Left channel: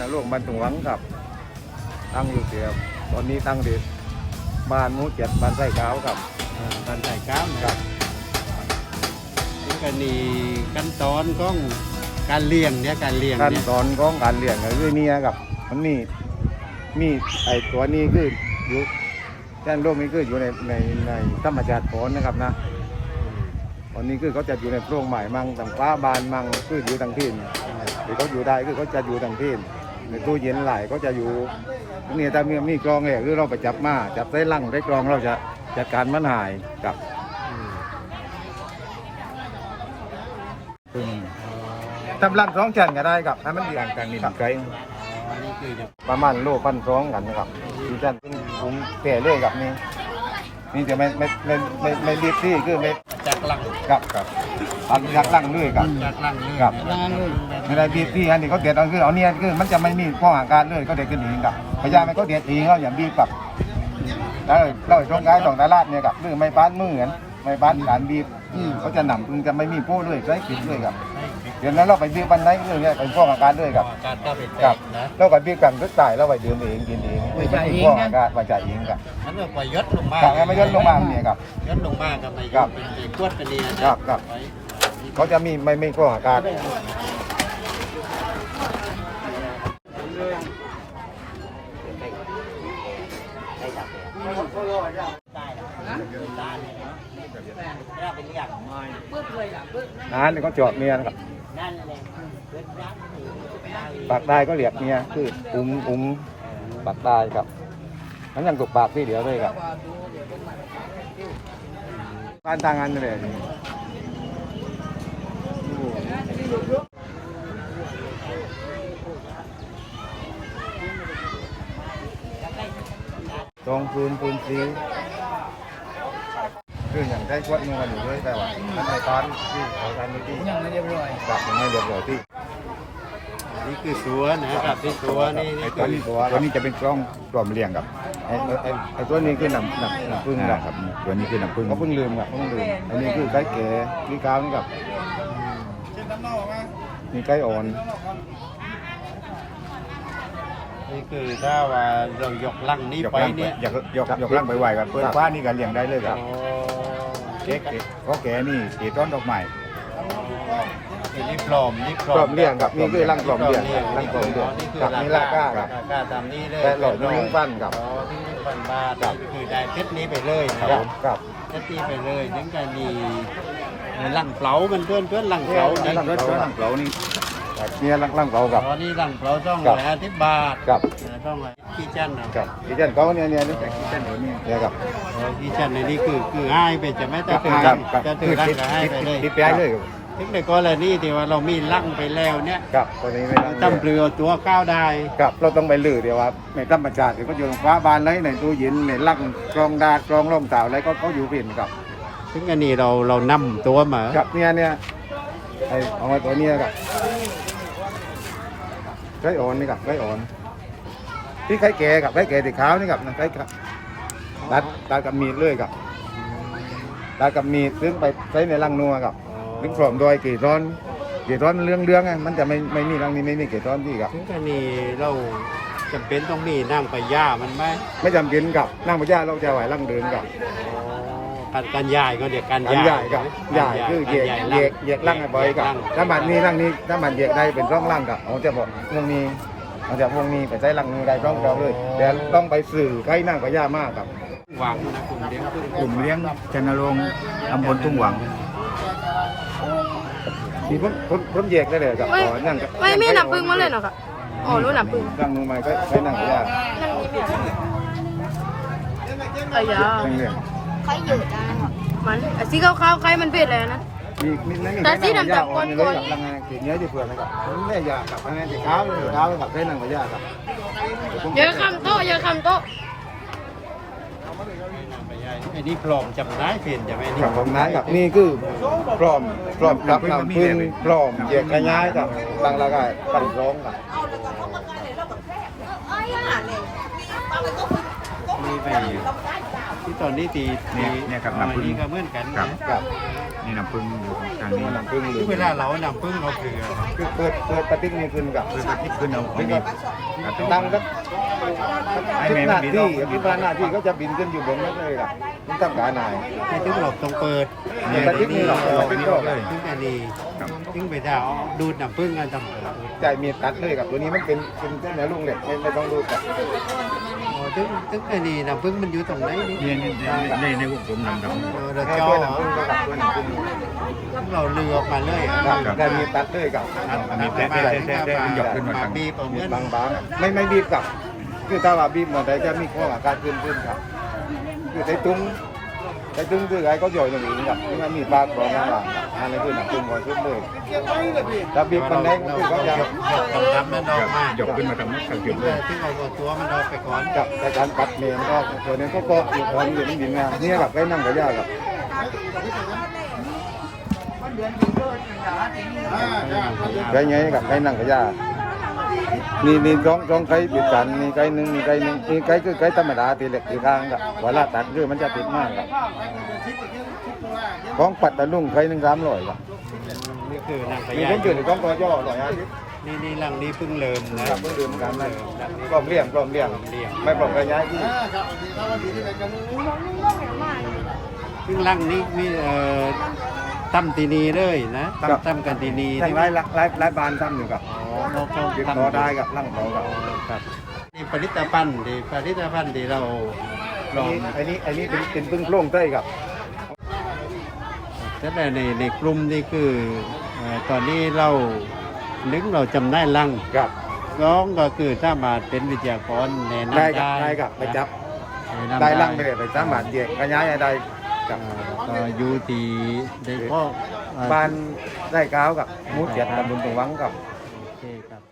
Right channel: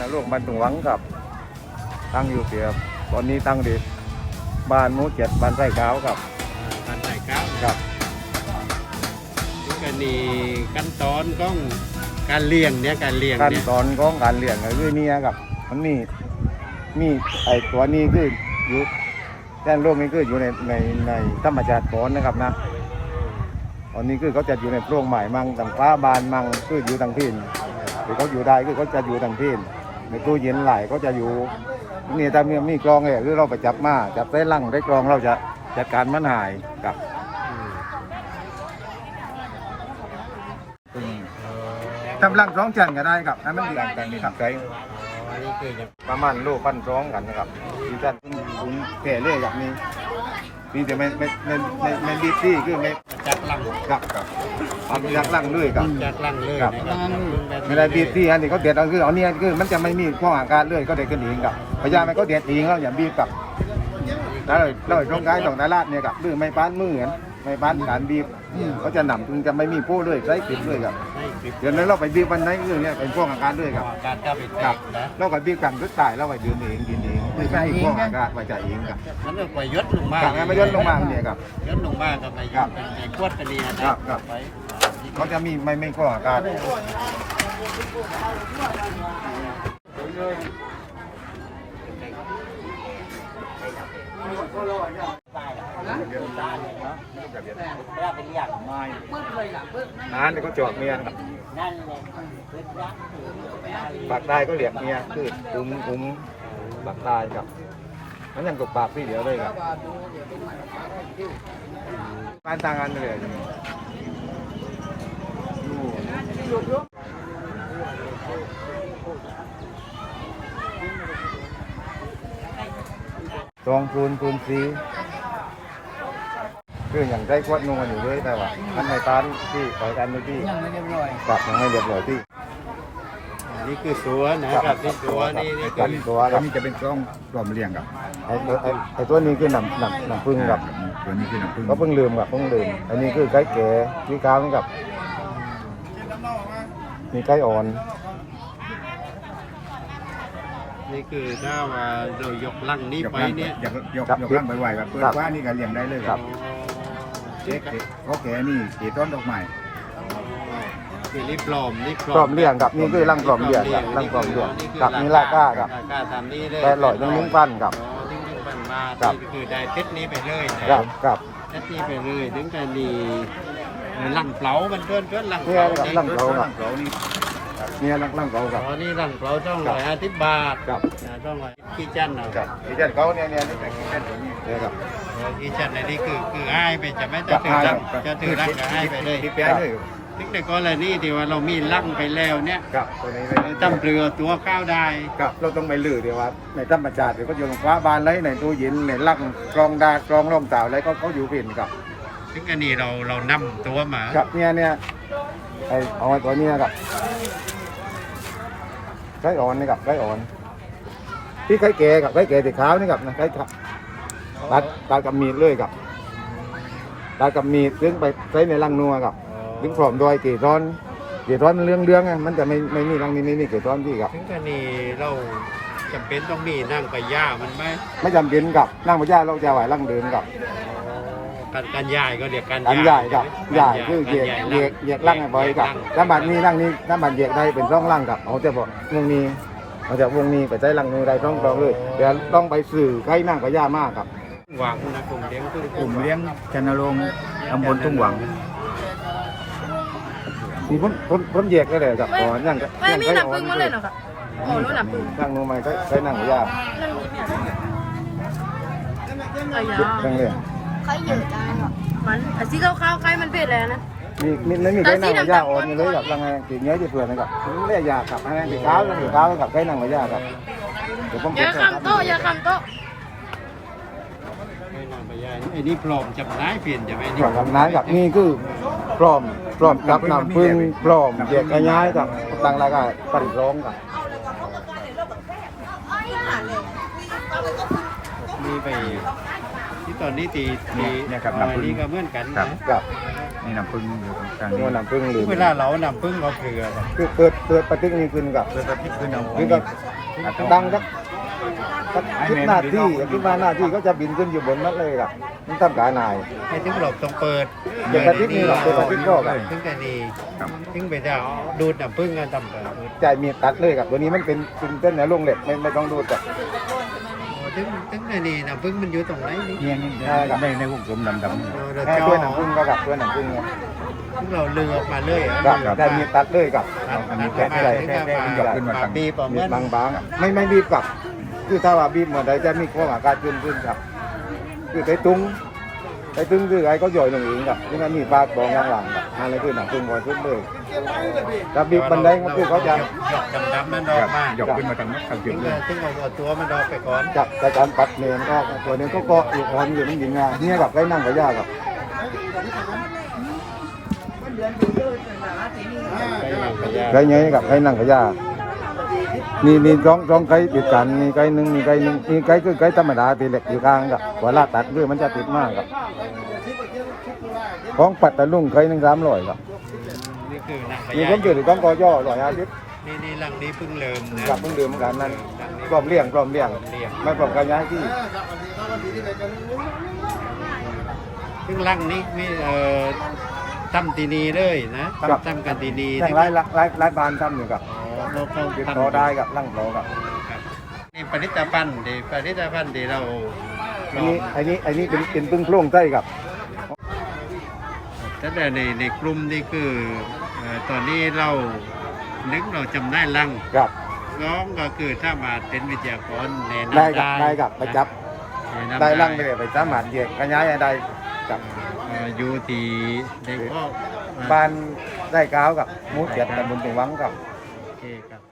นะโรงพยาบาลตรงหวังครับ ตั้งอยู่เสียตอนนี้ตั้งดีบ้านหมูเจ็ดบ้านไส้ขาวครับ อ่าการใส่ก้าวนะครับนี่ก็นี่ขั้นตอนของการเลี้ยงเนี่ยการเลี้ยงขั้นเนี่ยตอนของการเลี้ยงก็คือเนี่ยครับ มันมีมีไอตัวนี้คืออยู่แจ้งโรคนี้คืออยู่ในในในธรรมชาติก่อนนะครับนะตอนนี้คือเขาจะอยู่ในโพรงใหม่มั่งต่างฟ้าบานมั่งคืออยู่ทางที่นที่เขาอยู่ได้คือเขาจะอยู่ทางที่น ในตู้เย็นหลายก็จะอยู่นี่ถ้ามีมีกรองเลยคือเราไปจับมาจับได้ลั่งได้กรองเราจะจัดการมันหายกับอืมทำรังสองชั้นก็ได้ครับให้มันเรียงกันนี่ครับใช้อ๋อนี่คือจะประมาณโลพันสองกันนะครับที่ท่านผมแก่เรื่องกับนี้ นี่จะไม่ไม่ไม่ไม่ไม่รีบที่คือไม่จากลังกับกับอันยักลังเลยกับจากลังเลยครับลังเลยเวลาบีบที่อันนี้เขาเด็ดเอาคือเอาเนี่ยคือมันจะไม่มีข้ออาการเลยก็เด็ดกันเองกับพยายามมันก็เด็ดเองเราอย่างบีบกับแล้วเราตรงกายตรงดาราดเนี่ยกับหรือไม่ป้านมือเหมือนไม่ป้านการบีบเขาจะหนำจึงจะไม่มีโป้เลยใช้ขิดเลยกับให้ปิดเดี๋ยวนั้นเราไปบีบวันไหนเรื่องเนี้ยเป็นข้ออาการด้วยกับการก็ไปแตครับกนะแล้วก็บีบกันก็จ่ายแล้วไปยืนเองกินเอง ไม่ใช่ข้ออาการไปจ่ายเองกับมันก็ไปยศลงมาทางนั้นไม่ยศลงมาเนี่ยครับยศลงมากับนายครับเป็นไปขวดไปนี่นะครับครับไปเขาจะมีไม่ไม่ข้ออาการนานเลยก็จอบเมียนครับปากได้ก็เหลียกเมียคืออุ้มอุ้ม ปากได้ครับมันยังกับปากที่เดียวเลยครับการทางงานเลยตองปูนปูนสีคืออย่างได้ควดนุ่งกันอยู่ด้วยแต่ว่าทำไมป้าที่ขอการไม่ที่ยังไม่เรียบร้อยปรับยังไม่เรียบร้อยที่ นี่คือตัวนะครับที่ตัวนี่นี่ตัวคือนี้ตัวตัวนี้จะเป็นกล้องกล่อมเรียงกับไอ้ไอ้ไอ้ไอ้ตัวนี้คือน้ำน้ำน้ำพึ่งกับตัวนี้คือน้ำผึ้งเขาเพิ่งลืมกับเพิ่งลืมอันนี้คือไก่แก่ที่ค้างกับมีไก่อ่อนนี่คือถ้าว่าเรายกลังนี้ยกไปล่างไปเนี่ยยกยกยกล่างไปไหวแบบเปิดฟ้านี่ก็เลี้ยงได้เลยครับ อ๋อเจ๊กเขาแก่นี่เกต้นดอกไม้ คือนี่ปลอมนี่กล่อมเรียงกับนี่คือร่างกล่อมเรียงกับร่างกล่อมเรียงกับนี่ราก้ากับราคาตามนี้เลยแต่หลอดยังลิ้นปั้นกับอ๋อที่ลิ้นปั้นมานี่คือได้เซตนี้ไปเลยนะกับกับเซตนี้ไปเลยถึงจะมีลังเปลามันเพื่อนเพื่อนลังเปลานี่ร่างเปลากับเรานี่เนี่ยร่างร่างเปลากับอ๋อนี่ลังเปลาช่องร้อยอาทิตย์บาทกับอ่าช่องร้อยกี่จันเนาะกับอีเจนเขาเนี่ยเนี่ยเนี่ยกับอ๋อกี่จันในนี้คือคือให้ไปจะไม่จะถือรังจะถือรังก็ให้ไปเลย ที่แป้เลยนึกในกรณีที่ว่าเรามีลังไปแล้วเนี่ยกับตัวนี้ตั้มเปลือตัวข้าวได้กับเราต้องไปลือเดี๋ยวว่าในธรรมชาติเดี๋ยวก็อยู่ตรงฟ้าบานเลยในตู้เย็นในลังกรองดาดกรองร่องเต่าอะไรก็เขาอยู่เป็นกับถึงอันนี้เราเรานำตัวมากับเนี่ยเนี่ยไอเอาไว้ตัวนี้นะครับไก่อ่อนนี่กับไก่อ่อนที่ไก่แก่กับไก่แก่ติขาวนี่กับไก่ครับตัดตัดกับมีดเลยกับตัดกับมีดซึ่งไปใช้ในลังนัวกับ ซึ่งพร้อมโดยเกสรเกสรมันเรื่องเรื่องๆไงมันจะไม่ไม่มีรังนี้ไม่มีเกสรที่กับถึงอันนี้เราจำเป็นต้องมีนั่งไปย่ามันไหมไม่จำเป็นกับนั่งพระเจ้าเราจะไหวลังเดินกับการการย้ายก็เดี๋ยวการอันย้าใหญ่ยกับใช่ใหไหมญ่คือเหยียกเหยียกเหยียกลังให้บ่อยกับถ้าบัดนี้ลังนี้ถ้าบัดเหยียกได้เป็นร่องลังกับเอาจะบอกวงนี้เอาจากวงนี้ไปใช้ลังนู้นได้ร่องรองเลยเดี๋ยวต้องไปสื่อใกล้นั่งกับย่ามากครับหวังนะกลุ่มเลี้ยงพึ่งกลุ่มเลี้ยงชนรงค์ตำบลทุ่งหวัง นี่ผมผมผมเหยียกได้เลยครับอ๋อนั่งกับไม่มีน้ำพึ่งมาเลยเหรอครับอ๋อรู้น้ำพึ่งนั่งมือใหม่ก็ใช้นั่งกับย่านั่นนี่แบบไอ้ยาเรื่องเรื่องเขาอยู่จ้ามันอะสีขาวๆใครมันเป็นอะไรนะมีมีไม่มีใครนั่งกับย่าอ่อนเลยกับลังไงตีเนื้อจะเผื่อนะครับผมไม่ได้ยาครับไงตีเท้าตีเท้ากับใช้นั่งกับย่าครับเดี๋ยวผมอย่าคำโต๊ะอย่าคำโต๊ะ ไม่นั่งไปย้ายไอ้นี่ปลอมจำนายเปลี่ยนจะไหมนี่ กับของนั้นกับนี่คือปลอมปลอมกับน้ำพึ่งปลอมเหยียกง่ายๆกับตั้งราคาตั้งร้องกับมีไปที่ตอนนี้ตีตีเนี่ยเนี่ยครับอ๋อน้ำผึ้ง นี่ก็เหมือนกันครันะบกับนนี่น้ำพึ่งอยู่ทางนี่นี้น้ำพึ่งหรือเวลาเรานำพึ่งเราเกลือเนี่ยคือเกิดเกิดปฏิกิริยาขึ้นกับเพื่อปฏิขึ้นเอาของนี่มีก็ตัดออกดังครับ ไอ้แม่หมันน้าบินที่ออกมันบิที่นอว่าอกหน้าที่เขาจะบินขึ้นอยู่บนนั้นเลยครับมันตั้งกานาย ให้ถึงเราต้องเปิดเดี๋ยวอาทิตย์นี้เราเปิดออกไปนี่ออกเลย ถึงแต่นี่ครับถึงไปจะเอาดูดน้ำพึ่งกันทำเปิดใจเมียตัดเลยครับตัวนี้มันเป็นเป็นเส้นในลุงเหล็กไม่ไม่ต้องดูแต่อ๋อถึงถึงแต่นี่น้ำพึ่งมันอยู่ตรงไหนนี่เนี่ยนี่ในในวงกลมดำเราเราแค่จ่อตัวหนังพึ่งกับตัวหนังพึ่งถึงเราเลือออกมาเลยอะครับได้มีตัดเลยกับ ตัดมีตัดแท้มาแท้ถึงแท้จะแท้มามันหยอกขึ้นมามาทางบีบเอาเหมือน บางๆไม่ไม่บีบกับ คือถ้าว่าบีบหมดใดจะมีข้ออาการขึ้นขึ้นครับคือไอ้ตุ้งไอ้ตุ้งคือไอ้เขาย่อยลงเองครับนี่มันมีปลาบองข้างหลังครับอะไรคือหนังตุ้งคอยทุบเลยถ้าบีบมันได้ก็เราคือเขาจะหยอกหยอกดำๆนั่นออกมาหยอกขึ้นมาทางทางจุถึดงเลยถึงเอาตัวมันออกไปก่อนจับแต่การปัดเมนออกตัวนี้ก็ก็อยู่ตอนอยู่นี่ยินงานนี่แบบไอ้นั่งกับยากครับได้ไงกับไอ้นั่งกับยาก นี่นี่ร้องร้องไก่ปิดกันมีไก่หนึ่งมีไก่หนึ่งมีไก่คือไก่ธรรมดาตีเหล็กตีข้างกับเวลาตัดคือมันจะติดมากครับของปัดตะลุ่งไก่หนึ่งสามร้อยครับนี่คือนางพมีญาผมอยู่ต้องกอย่อร้อยห้าสิบนี่นี่หลังนี้เพิ่งเริ่มนะครับเพิ่งดื่มกันนั่นหลังนี้กล่อมเลี้ยงกล่อมเลี้ยงเรียงไม่ปลอมกันย้ายที่ซึ่งหลังนี้มีเอ่อ ตั้มตีนีเลยนะตั้ม ตั้มกันตีนีทางไร้ไร้ไร้บานทำอยู่กับอ๋อเขาเขาติดทำต่อได้กับร่างต่อกับครับนี่ผลิตภัณฑ์ดีผลิตภัณฑ์ที่เราลอันองนี้อันนี้อันนี้เป็นเป็นพึ่งโพร่งไส้กับ แต่ในในกลุ่มนี่คือเอ่อตอนนี้เรานึกเราจำได้ลังกับร้องก็คือถ้ามาเป็นวิทยากรแนะได้นำกับได้ได้กับไปจับ แนะนำได้ร่างไปเลยไปสามารถแยกขยายได้ กับเอ่อก็อยู่ที่ได้ข้อเอ่อบ้านได้ก้าวกับหมูเจ็ดตำบลตรงวังกับ โอเคครับ